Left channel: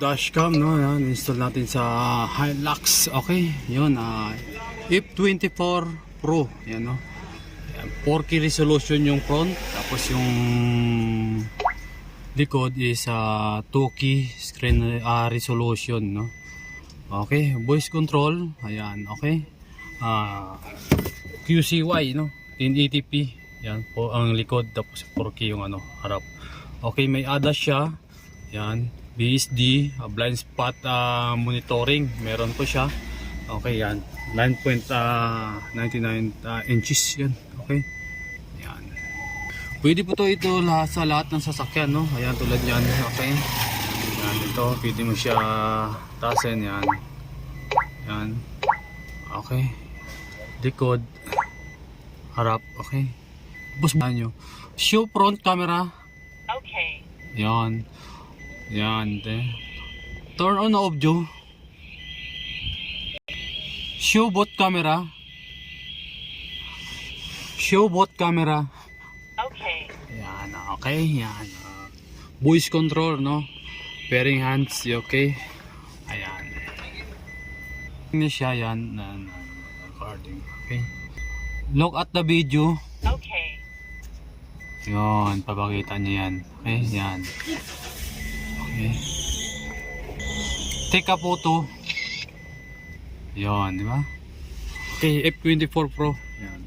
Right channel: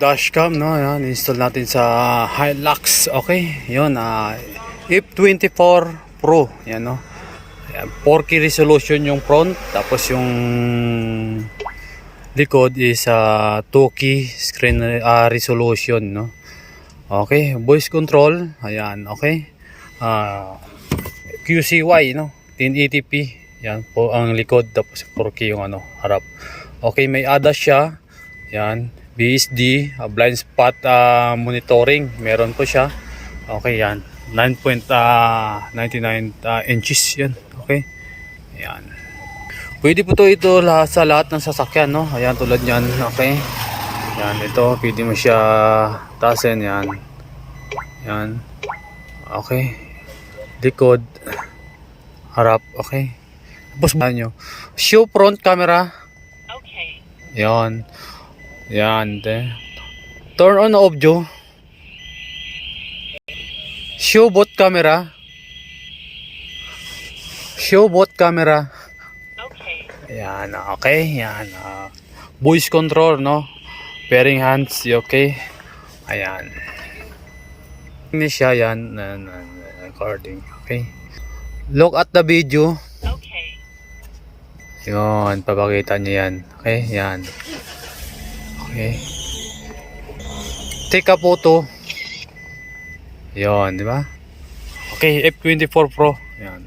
dashcam, no? Yan, install natin sa Hilux. Okay, yun. F24 Pro. Yan, no? Yan, 4K resolution yung front. Tapos yung likod is 2K screen resolution, no? Okay, voice control. Ayan, okay. QCY, no? 1080p. Yan po ang likod. Tapos 4K yung harap. Okay, may ADAS siya. Yan. BSD, blind spot monitoring, meron po siya. Okay, yan. 9.99 inches yan. Okay. Yan. Pwede po ito sa lahat ng sasakyan, no? Ayan, tulad yan. Okay. Yan, ito, pwede mo siya taasin, yan. Yan. Okay. Likod, harap, okay. Tapos nyo. Show front camera. Okay. Yan. Yan, turn on off, Joe. Show both camera. Show both camera. Okay. Yan, okay. Yan. Voice control, no? Pairing hands, okay. Ayan. Ini siya, yan. Recording, okay. Look at the video. Okay. Yun, papakita nyo yan. Okay, yan. Okay. Take a photo. Yon, di ba? Okay, F24 Pro. Yan.